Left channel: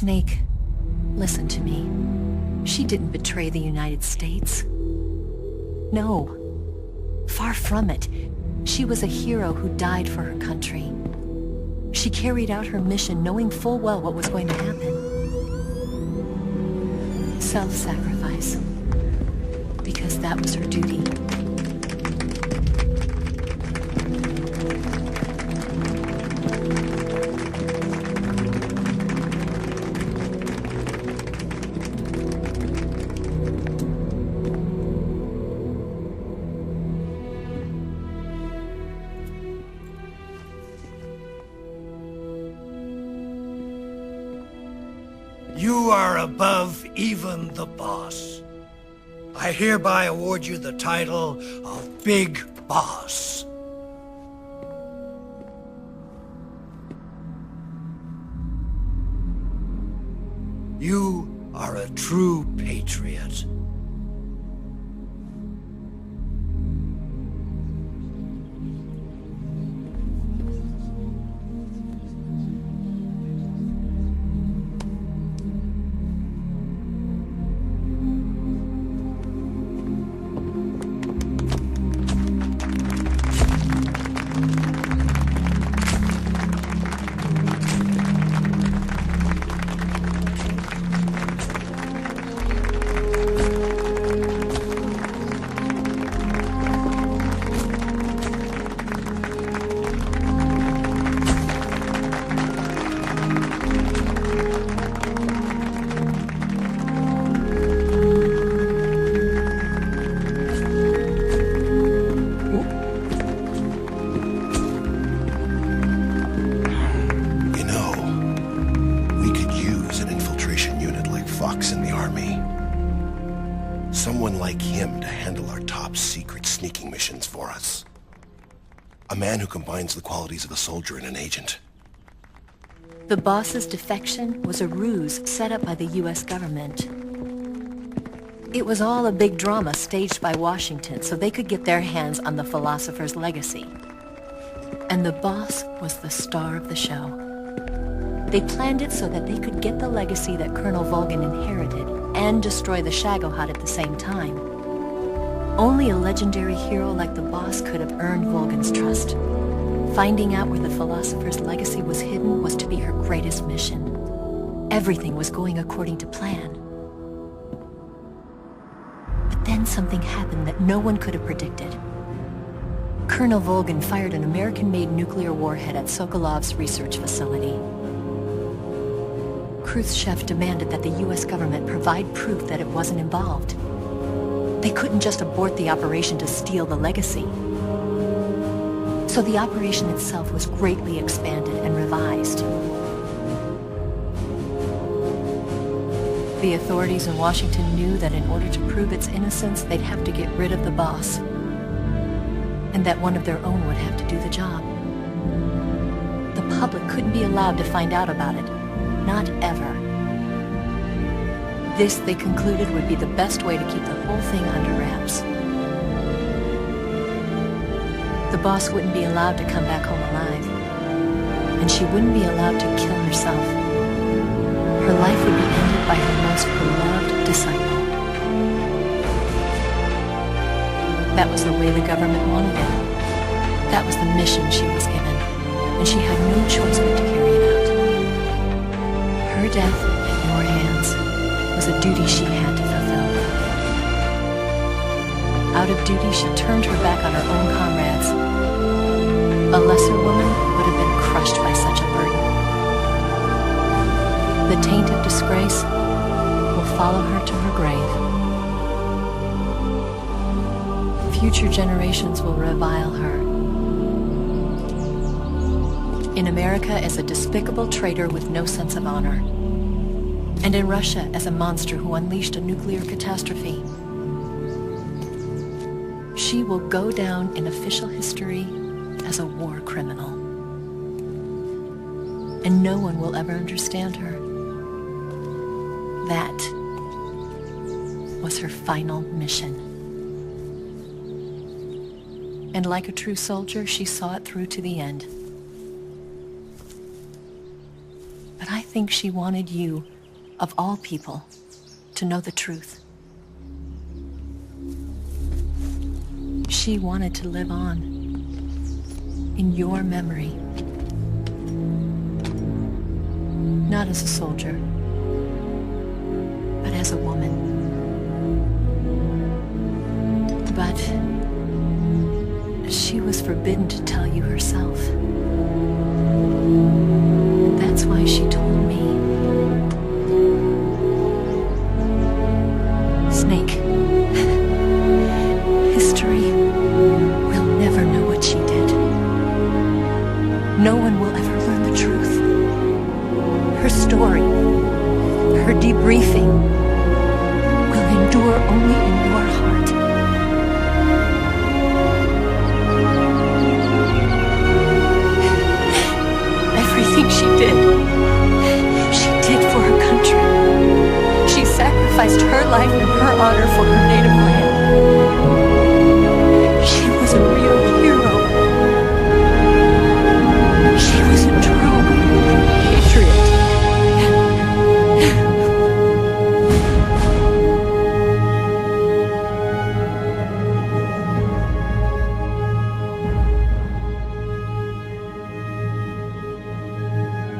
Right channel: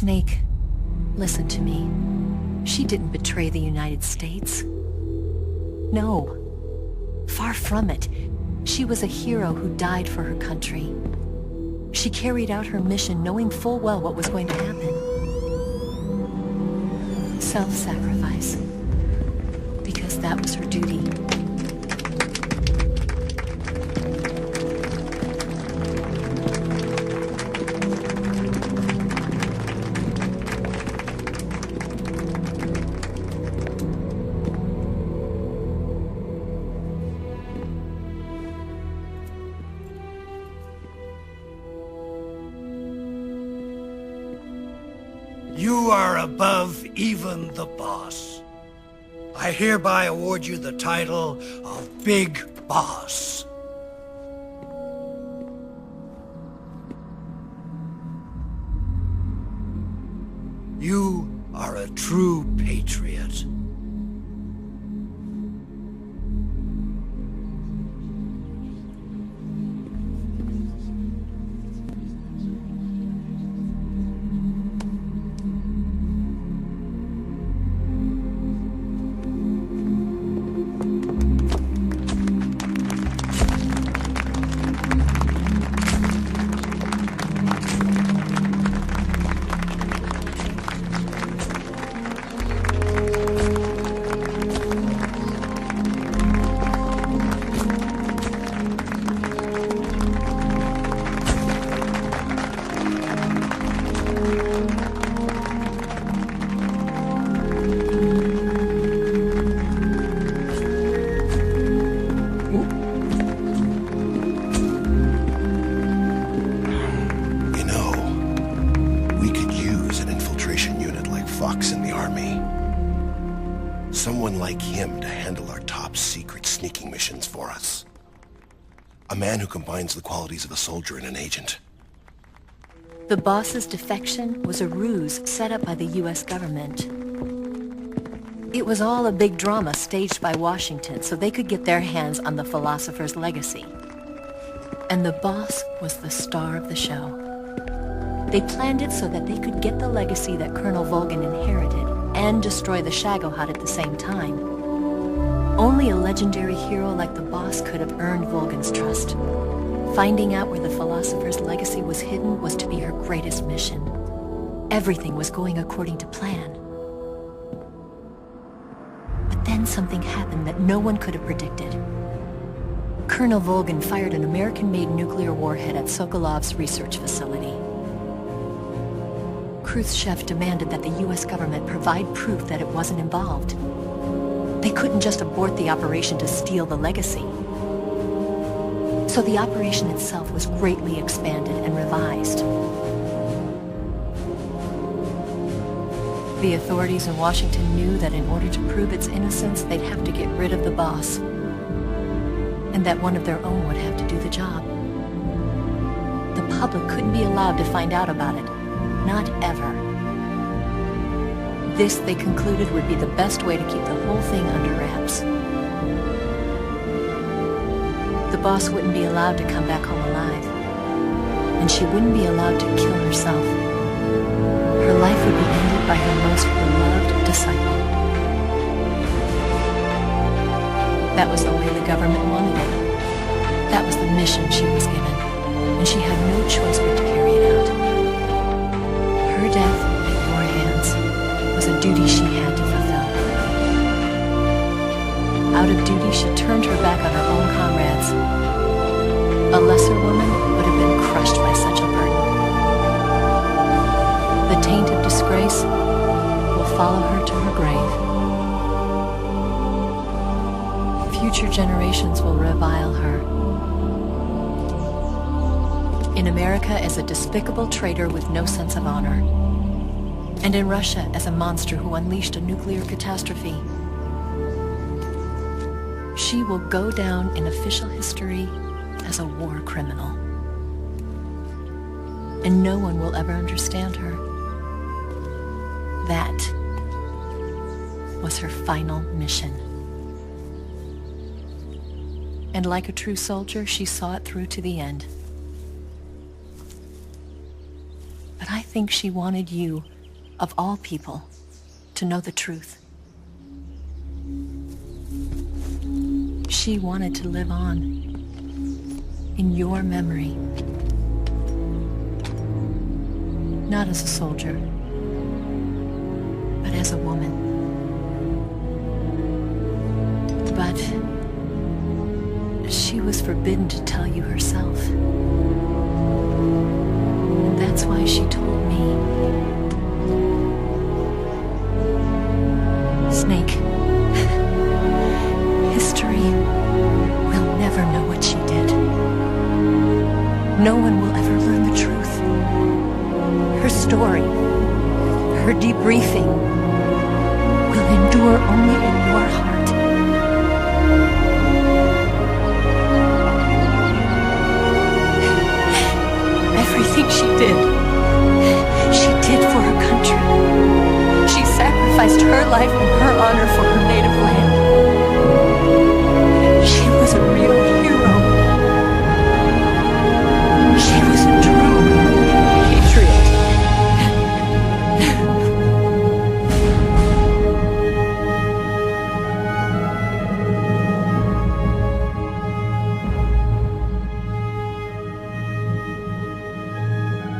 Snake, listen to me. She didn't betray the United States. No. Far from it. She was a hero who died for her country. She carried out her mission knowing full well what was going to happen. Self-sacrifice. Because that was her duty. You are above even the boss. I hereby award you the title of Big Boss. You are a true patriot. In the army. Someone like him to handle our top secret sneaking missions for us. A man who combines the qualities of a soldier and an agent. The boss's defection was a ruse set up by the U.S. government. It was all a big drama staged by Washington so they could get their hands on the philosopher's legacy. And the boss was the star of the show. They planned it so that they could get the legacy that Colonel Volgin inherited and destroy the Shagohod at the same time. Only a legendary hero like the boss could have earned Volgin's trust. Finding out where the philosopher's legacy was hidden was to be her greatest mission. Everything was going according to plan. But then something happened that no one could have predicted. Colonel Volgin fired an American-made nuclear warhead at Sokolov's research facility. Khrushchev demanded that the U.S. government provide proof that it wasn't involved. They couldn't just abort the operation to steal the legacy. So the operation itself was greatly expanded and revised. The authorities in Washington knew that in order to prove its innocence, they'd have to get rid of the boss, and that one of their own would have to do the job. The public couldn't be allowed to find out about it. Not ever. This, they concluded, would be the best way to keep the whole thing under wraps. The boss wouldn't be allowed to come back home alive, and she wouldn't be allowed to kill herself. Her life would be ended by her most beloved disciple. That was the way the government wanted it. That was the mission she was given, and she had no choice but to carry it out. Her death at your hands was a duty she had to fulfill. Out of duty, she turned her back on her own comrades. A lesser woman would have been crushed by such a burden. The taint of disgrace will follow her to her grave. Future generations will revile her. In America as a despicable traitor with no sense of honor. And in Russia as a monster who unleashed a nuclear catastrophe. She will go down in official history as a war criminal. And no one will ever understand her. That was her final mission. And like a true soldier, she saw it through to the end. But I think she wanted you, of all people, to know the truth. She wanted to live on in your memory. Not as a soldier, but as a woman. But she was forbidden to tell you herself. And that's why she told me. Snake, history will never know what she did. No one will ever learn the truth. Her story, her debriefing, will endure only in your heart. Everything she did for her country. She sacrificed her life and her honor for her native land. She was a real